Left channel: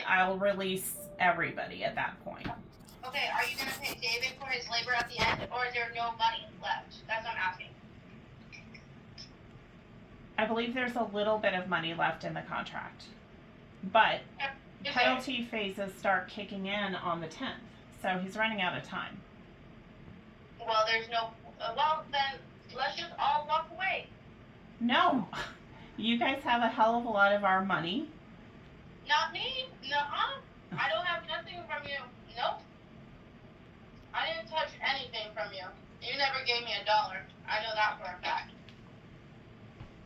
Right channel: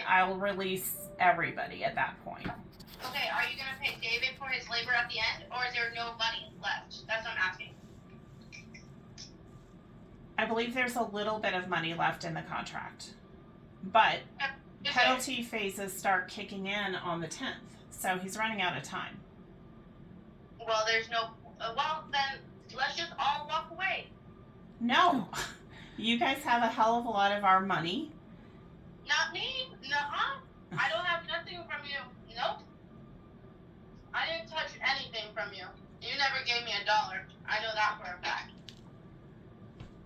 I'll release everybody at that point. Okay, are you gonna pay David for his labor at the end, or is there no money left? That's what I'm asking. I believe there's a little bit of money left in the contract, but penalty phases start kicking in on the 10th, so he's running out of time. Well, there's no. Well, then let's just all walk away. No, you guys have a hell of a lot of our money. Not me. Nuh-uh. I don't have nothing from you. Nope. I didn't touch anything from you. You never gave me $1. I know that for a fact.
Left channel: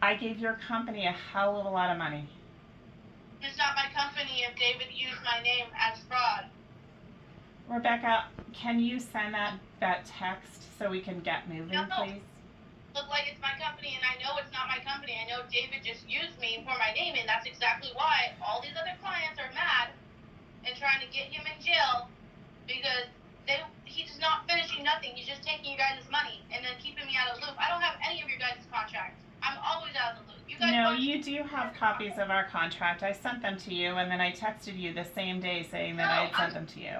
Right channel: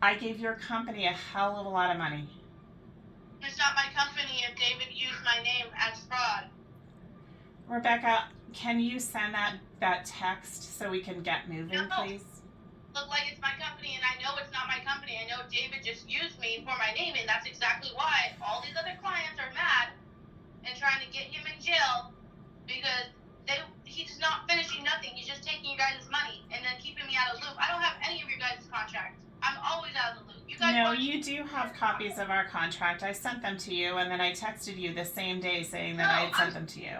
I gave your company a hell of a lot of money. It's not my company if David used my name as fraud. Rebekah, can you send that text so we can get moving, please? Look like it's my company, and I know it's not my company. I know David just used me for my name, and that's exactly why all these other clients are mad and trying to get him in jail because he's not finishing nothing. He's just taking you guys' money and then keeping me out of the loop. I don't have any of your guys' contracts. I'm always out of the loop. You guys no, you do have copies of our contract. I sent them to you, and then I texted you the same day saying that I had sent them to you.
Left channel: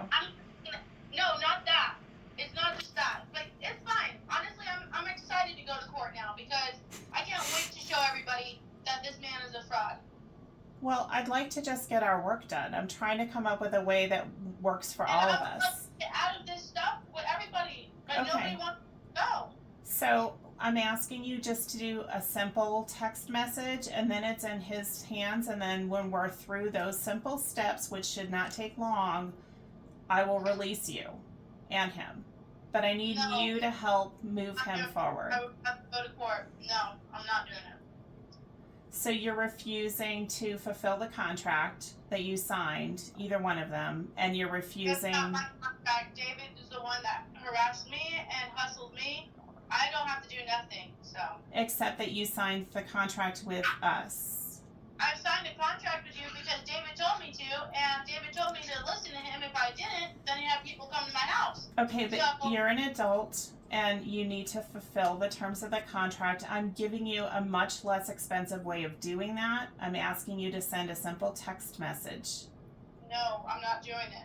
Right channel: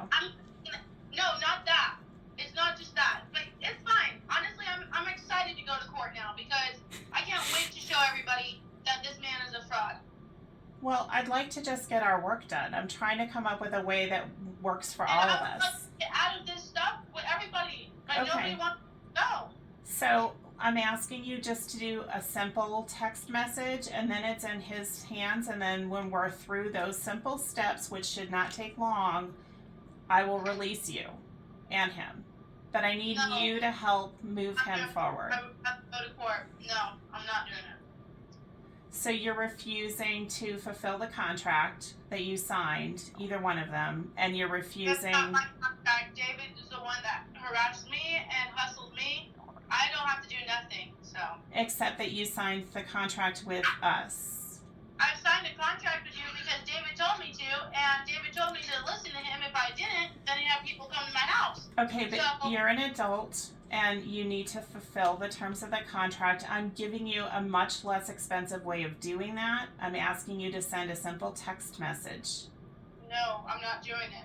No, not that. It's not just that. But it's fine. Honestly, I'm excited to go to court now because I can't wait to show everybody that this man is a fraud. Well, I'd like to just get our work done. I'm trying to come up with a way that works for all of us. Get out of this stuff with everybody. Like okay. Nobody wants to go. So I'm asking you just to do a simple text message, and then it's in his hands, and then when we're through those simple steps, which should not take long, I will release you and him. But I need you to help move him forward. I would have to go to court. No, I'm not doing it. So you're refusing to fulfill the contract that you signed, either one of them, and you're refusing... That's not my contract. David is the one that harassed me and hustled me. I don't have to do nothing, so... Except that you signed the contract with us. I signed a contract with you because David told me to, and David told me to listen to him. If I didn't, then he'd have people come to my house. Okay, but you're an adult, and you need to fulfill the terms of the contract. I'm giving you a much less expensive way of doing that. I'm asking you to send a simple text message. No, I'm not doing it.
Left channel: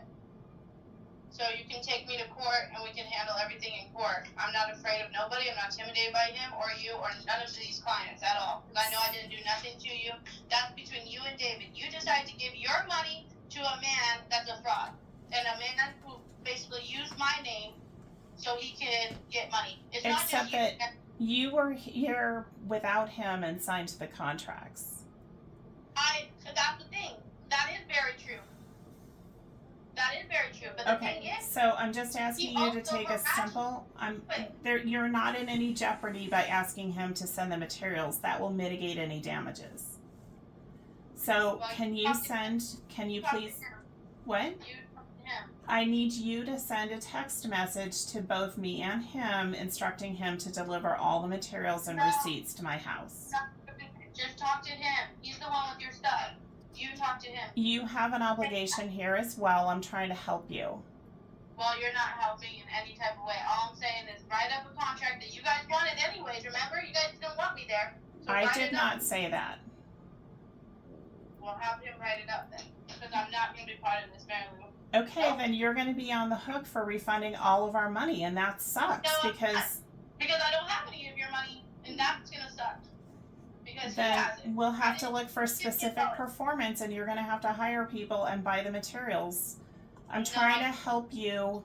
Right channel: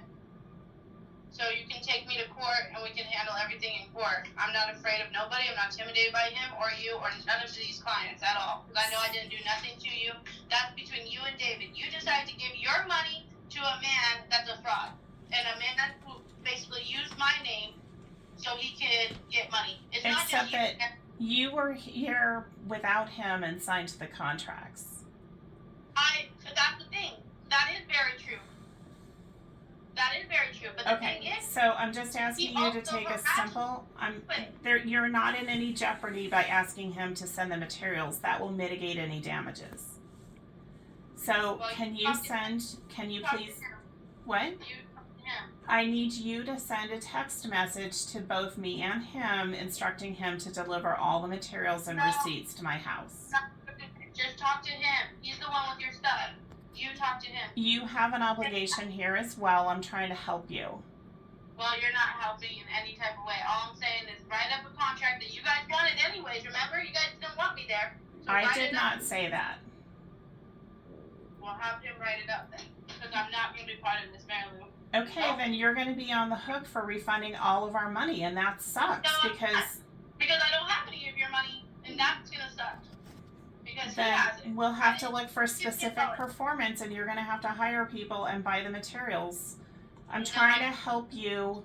So you can take me to court, and we can handle everything in court. I'm not afraid of nobody. I'm not intimidated by him or you or none of these clients at all. Because I know I didn't do nothing to you. That's between you and David. You decided to give your money to a man that's a fraud. And a man who basically used my name so he could get money. It's Except that you were here without him and signed the contracts. That's the thing. That is very true. That is very true. But the thing is, so I'm just asking you to take a simple. You're not in any jeopardy by asking him to send the materials. That will mitigate any damages. So can you please? What? I need you to send a text message to both me and him instructing him to deliver all the materials and receipts to my house. Just talk to him. He's the one with your stuff. You talk to him. You have an obligation here as well. I'm trying to help you. Well, you're not helping in any type of way. All I'm saying is write up a contract that you guys wanted anyways. Remember? You guys didn't want me there. So I did not say that. Well, have him write it up then. Because I'm not going to be part of this, Mary Lou. Okay, then you're going to be on the hook for refunding all of our money, and that sucks because I don't have any of your money, and that's going to suck. Because then we'll have to look for specific performance, and you're going to have to hire people and buy the materials. I'm trying to help you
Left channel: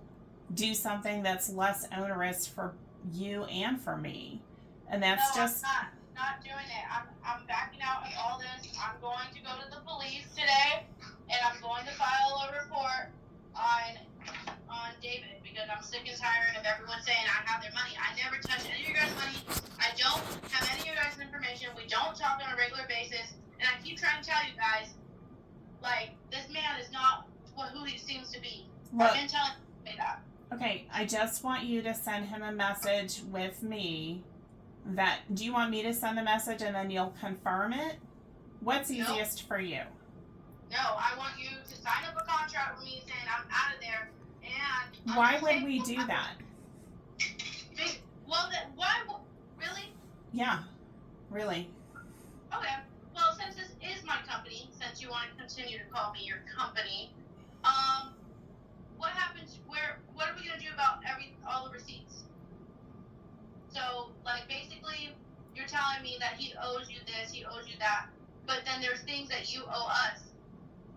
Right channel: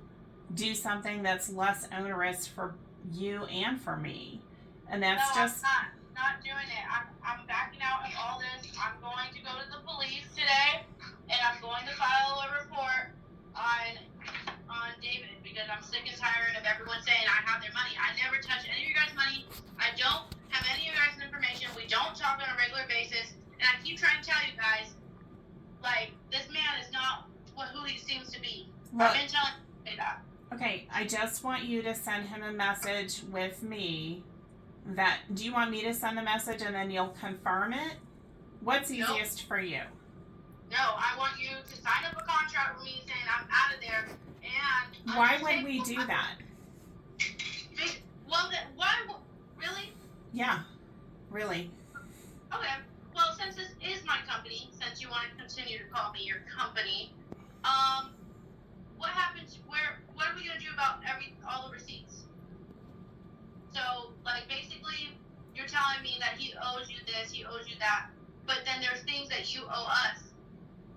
do something that's less onerous for you and for me, and that's just... I'm not doing it. I'm backing out of all this. I'm going to go to the police today, and I'm going to file a report on David because I'm sick and tired of everyone saying I have their money. I never touch any of your guys' money. I don't have any of your guys' information. We don't talk on a regular basis, and I keep trying to tell you guys, like, this man is not who he seems to be. Look, I've been telling you that. Okay, I just want you to send him a message with me. Do you want me to send the message and then you'll confirm it? What's easiest for you? No, I want you to sign up a contract with me saying I'm out of there. And why would we do that? Well, then, why? Really? Yeah, really. Okay. well, since this is my company, since you want to continue to call me your company, what happens? What are we gonna do about all the receipts? So, like, basically, you're telling me that he owes you this, he owes you that, but then there's things that you owe us.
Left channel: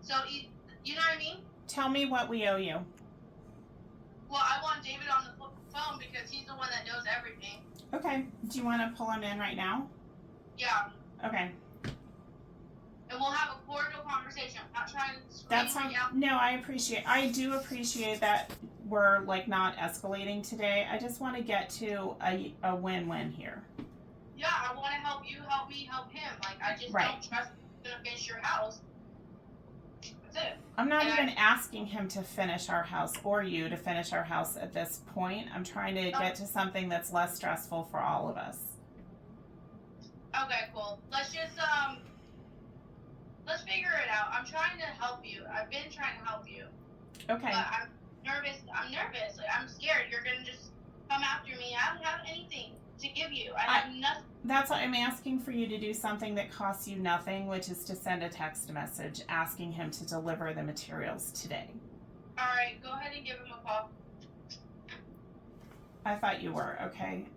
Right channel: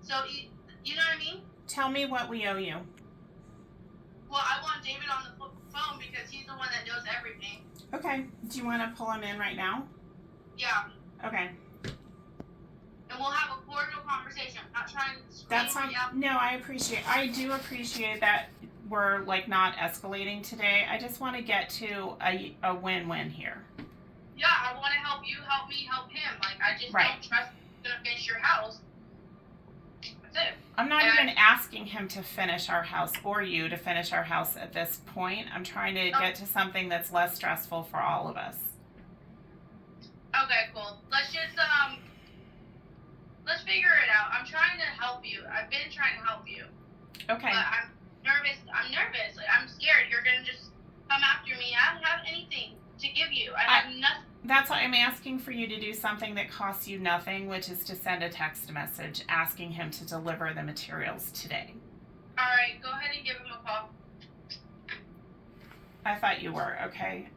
So, you know what I mean? Tell me what we owe you. Well, I want David on the phone because he's the one that knows everything. Okay. Do you want to pull him in right now? Yeah. Okay. And we'll have a cordial conversation. I'm not trying to scream. That's fine. No, I do appreciate that we're like not escalating today. I just want to get to a win-win here. Yeah, I want to help you, help me, help him. Like, I just Right. don't trust you're gonna finish your house. That's it. I'm not even asking him to finish our house or you to finish our house at this point. I'm trying to get to something that's less stressful for all of us. Okay, cool. Let's just let's figure it out. I'm trying to help you. I've been trying to help you. Okay. But I'm nervous. Like, I'm scared. You're gonna just come after me. I don't have anything to give you. I have nothing. That's why I'm asking for you to do something that costs you nothing, which is to send a text message asking him to deliver the materials today. All right, go ahead and give him a call. I thought you were. Okay.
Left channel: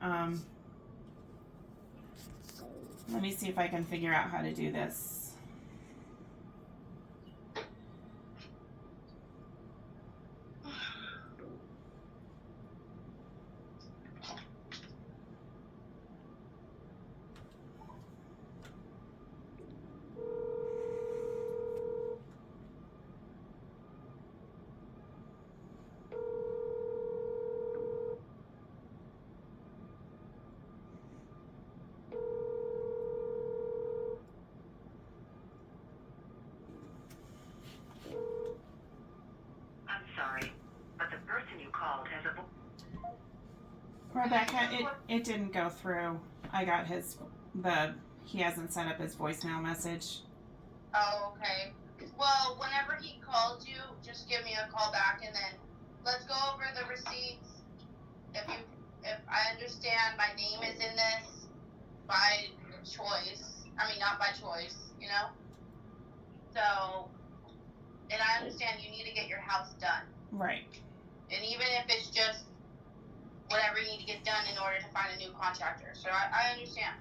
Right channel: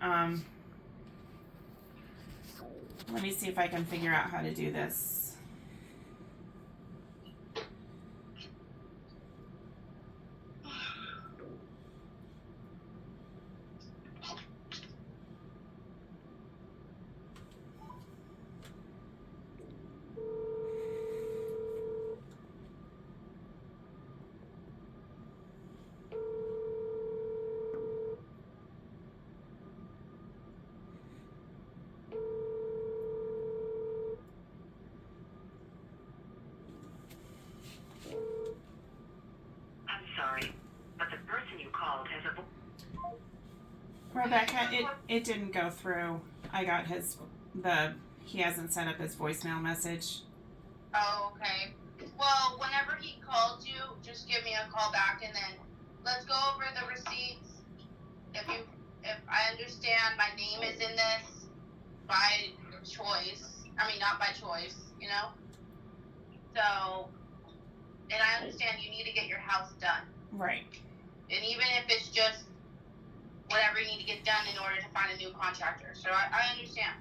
Let me see if I can figure out how to do this. Sorry, but the person you called has a Rebekah, it didn't go through. I got he hasn't sent up his voicemail message. Oh, okay. Well, whenever he calls you, just give me a call back, and then let's go over the receipts. If I understand, my name is in this by choice. I mean, not by choice, you know. So, and I understand you need to get your house done. Right. And even if it's just whatever you need to get done in order to find a new contractor. So I understand.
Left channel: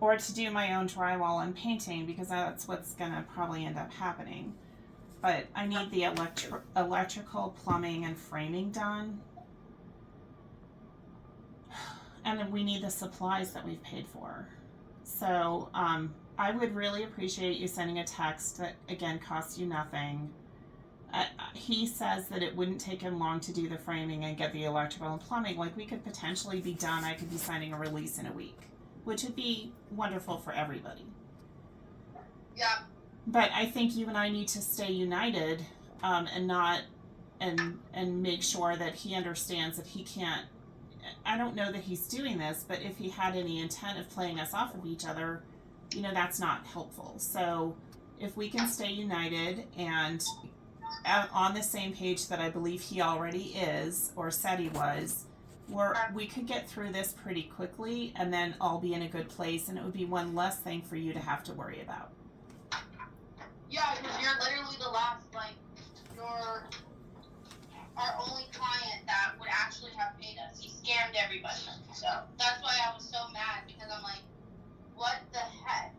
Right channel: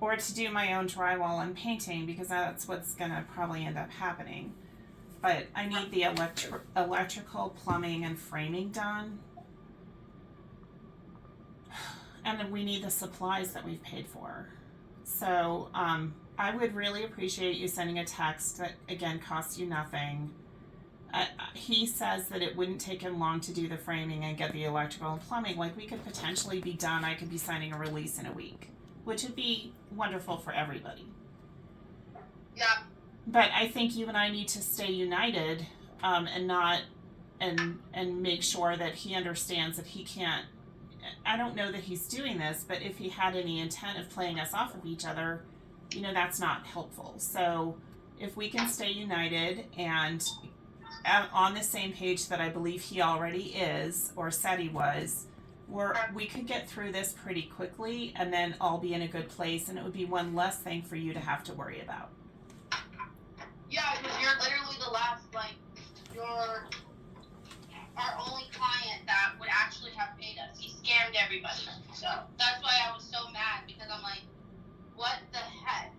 Or to do my own drywall and painting, because that's what's going to probably end up happening. But I need the electrical, plumbing, and framing done. And then we need the supplies that we've paid for. So I would really appreciate you sending a text that, again, costs you nothing. He says that it wouldn't take him long to do the framing and get the electrical and plumbing. Like, we could potentially be done. I could be signing a release in a week, which would be wonderful for everybody. Yeah. But I think you and I need to stay united and make sure that he understands that he can't. I don't know that he's doing this, but if he had any intent of playing us off of each other, you know, that's not helpful. So if we can stay united and on the same page that I believe he already is, or said he was, we could get through this pretty quickly and then all be in a good place, and it would be one less thing for you to have to worry about. Yeah, because you're literally the last, like, you're our only client that would actually have paid us. He scammed everybody. So that's why I was so mad, because I'm like, what the heck?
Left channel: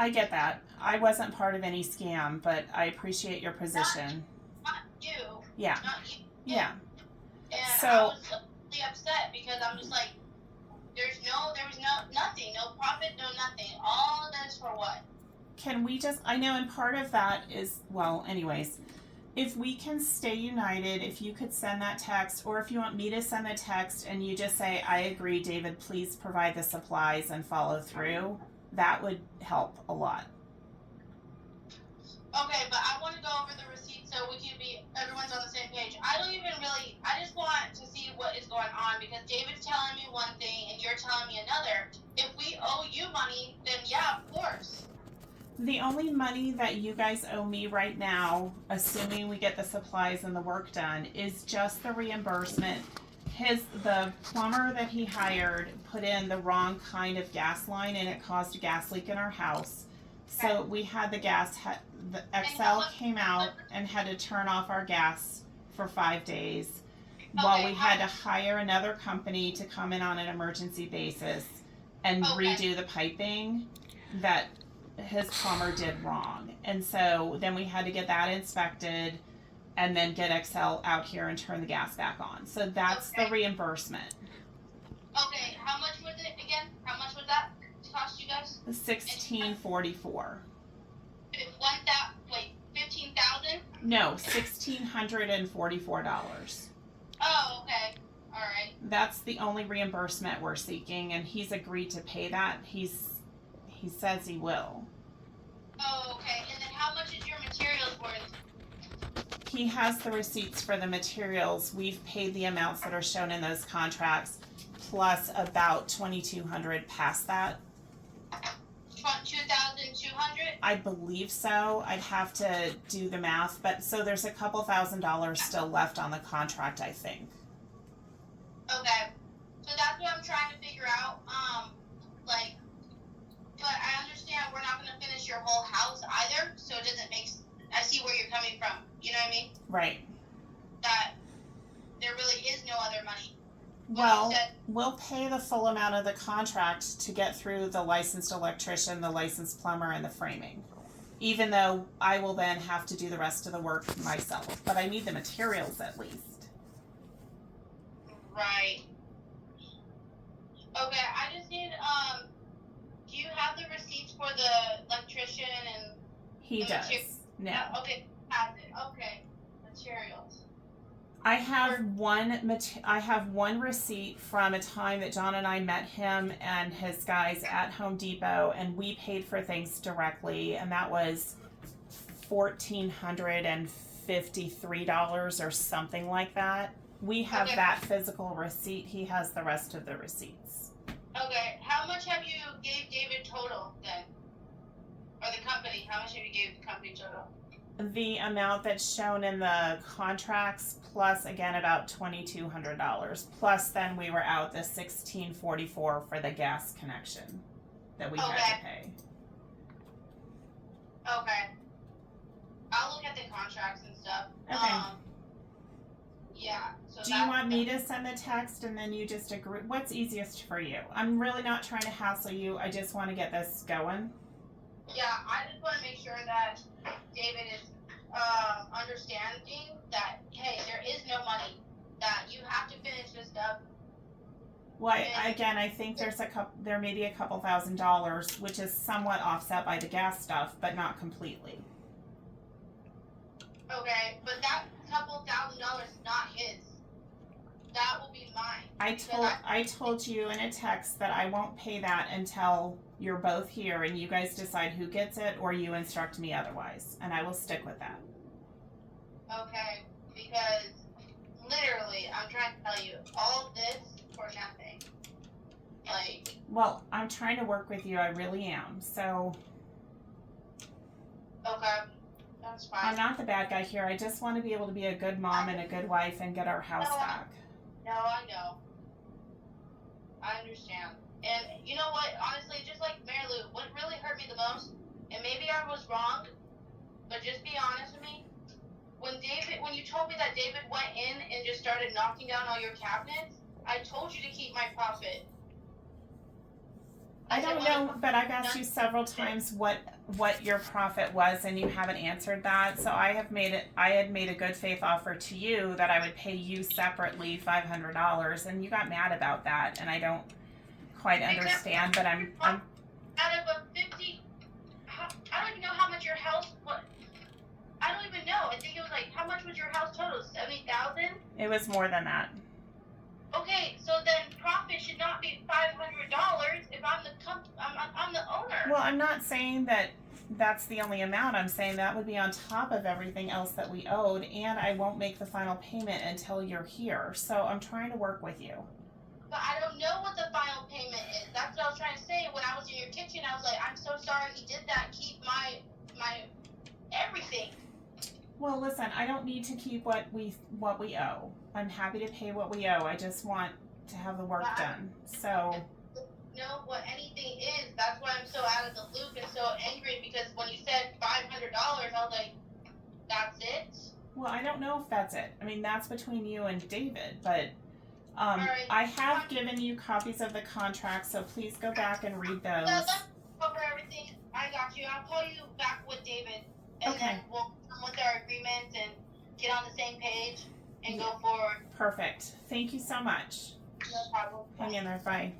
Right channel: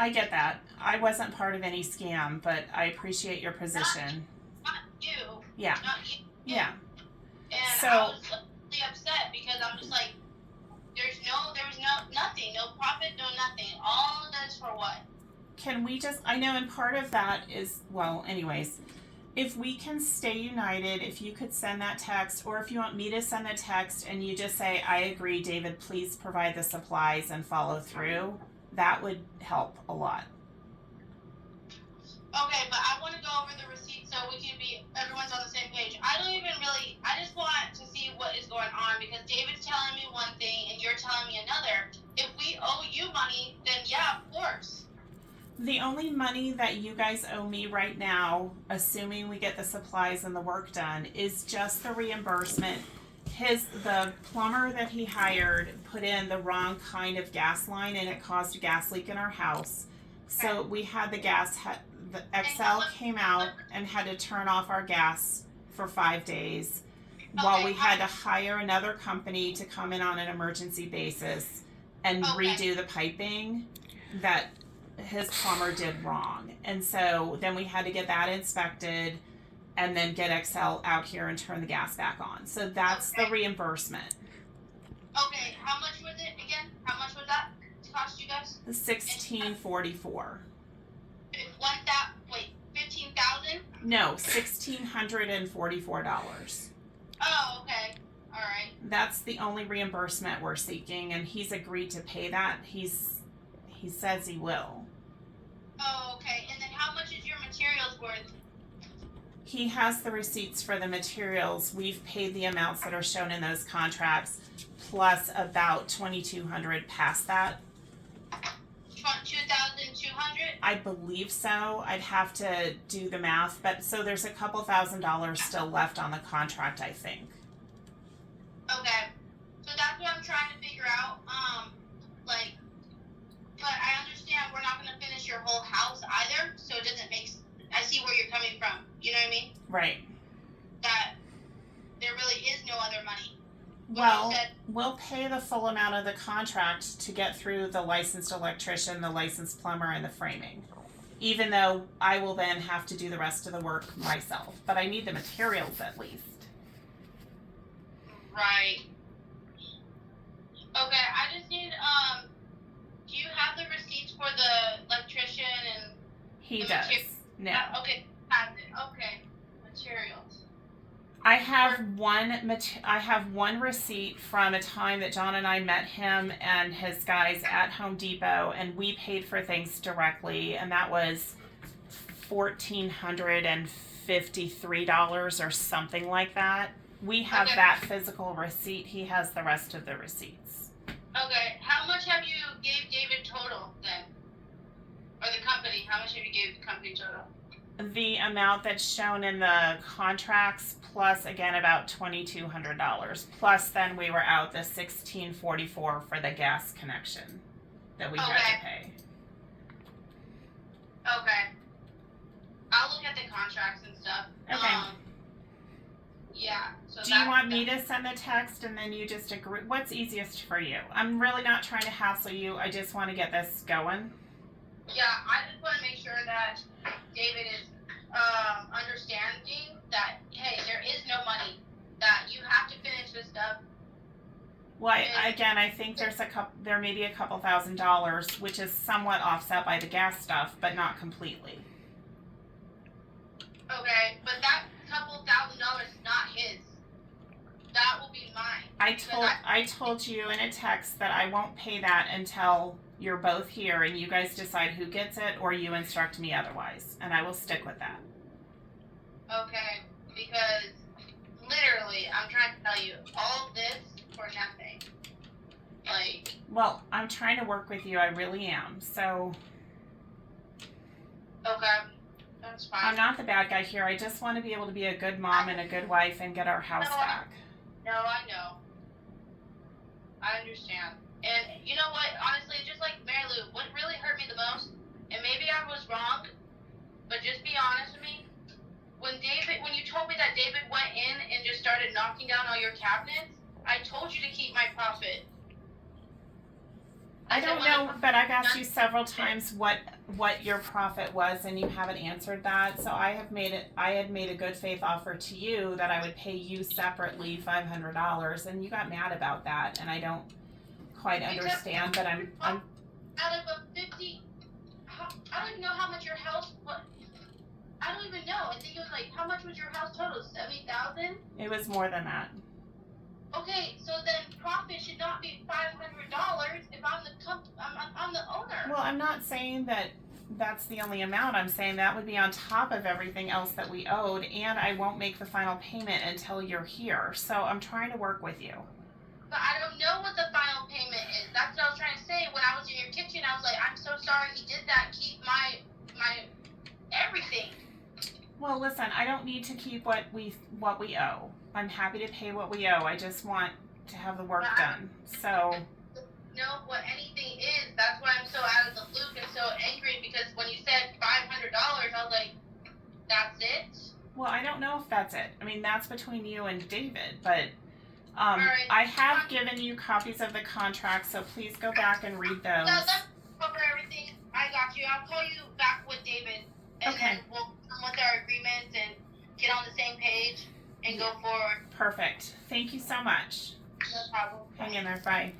I get that. I wasn't part of any scam, but I appreciate your position. Not you. Yeah. Not you. Yeah. And So, I was really upset because I'm just like, there was nothing, no profit, no nothing. All of this for what? can we just, I know, and part of that is, well, anyways, if we can stay united, if you could send that text, or if you want me to send a text and you just say, I agree, David, please provide the supplies and follow through, that would help a lot. Okay, but I want to go over the receipt so we can be, everyone's on the same page. I just want to see what is going on, because David's telling me one thing and you're telling me another. If we owe you money, then yeah, of course. The only money that you guys owe me right now, assuming we get the supplies and the work done, is just the reimbursement. The plumber that he hired put in the wrong kind of gas line and it caused a gas leak in our house. So we had the Excel came out and had to turn off our gas for 5 days while we had to hire another company to come in on an emergency basis and redo the piping that his plumber did wrong. And so then we had to get that inspected and then get Excel out here and turn the gas back on. So that's the reimbursement. Okay, how much was it again? How much was that cost you guys? $1,644. 15,000? No, $1,644. Oh, okay. All right. That's the only reimbursement we're seeking, and he's agreed to pay that. He says he will. Oh, okay. And then how much is your materials worth? He has the receipts for the materials. We've paid the amounts that are shown in those contracts, plus about $2,200 past that. 2,200? I believe so. I'd have to do the math, but so there's a couple $1,000s still left on the contract, I think. Okay. So that's what I'm trying to figure out. But I understand we're not going to finish your whole house either, so it doesn't make. I see where you're coming from. You know what I mean? Right. That there really is no other money. Well, we'll pay the full amount of the contract to get through the licensed electrician, the licensed plumber, and the framing. Even though I will then have to do the rest of the work myself. But I need the materials at least. Right. Okay, I just need, do you have the receipts for the electrician and... He does. Now. Okay, has it. Okay. Materials. I have one receipt from a time that John and I met him and his guys at Home Depot, and we paid for things directly, and that was $1,453 or something like that. We have that physical receipt. He has the rest of the receipts. Okay, how much have you gave David total then? Or the company, how much have you gave the company total? The amount that's shown in the contracts, plus again about $2,200. Plus then we were out the $1,644 for the gas connection that we had to pay. Okay. I'll look at the contracts and stuff. Okay. Yeah. So do you want me to send the text and then you just agree? What's easiest for you? I'm really not trying to hassle you. I just want to get this going. Yeah, I just want to make sure that David is understanding that, hey, there is no money, that you have to finish this stuff. Well, I think there may be a couple $1,000s, which is somewhat offset by the gas stuff, but not completely. Okay, but that couple $1,000 is not his. That will be mine. I told you in a text that I won't pay that until you're both here and you guys decide who gets it or you instruct me otherwise, and I will stick with that. Okay, because literally, I'm trying to tell you, all of this for nothing. Well, I'm trying to work with you, I really am, so... Okay, that's fine. I'm not the bad guy here, I just want to be able to be a good mom and a good wife and get our house back. No, I know. I understand. And you know what, honestly, just like Mary Lou, what really hurt me the most, and maybe I was wrong, but just be honest with me, when you told me that David went in and just started knocking down all your cabinets, I told you to keep my profit. I don't know, but I've asked you several times what your profit was, and you haven't answered that. So I had made a good faith offer to you that I would pay you separately $500, and you got mad about that, and I don't quite understand. But I'm out of a 50. I don't even know how much your house. What? I don't even know. I think it was like, how much was your house total? 70,000. It was more than that. Okay, so then profit should not be $500 if I'm the owner. Well, I'm not saying that that's the only amount. I'm saying that would be on top of everything else that we owed, and I won't make the final payment until you're here. So I'm trying to work with you. But I don't know what the final payment is. That's what I was trying to say. When I was in your kitchen, I was like, I'm so sorry he did that. Keep my everything. Well, listen, I don't need to keep what we owe. I'm happy to pay what we owe. I just want to have the work done. So know what anything is That's why I'm so out of the loop and so angry, because when you said $500, I was like, that's it? Well, I don't know if that's it. I mean, that's between you and David, but Alright. I have given you copies of the contract, so please go back and read those. No, let's cover everything. I got you. I'll call you back with David, and Okay. then we'll come with our agreements and get on the same page and Yeah. go forward. Perfect. Thank you so much. No problem. Hang in there. Bye.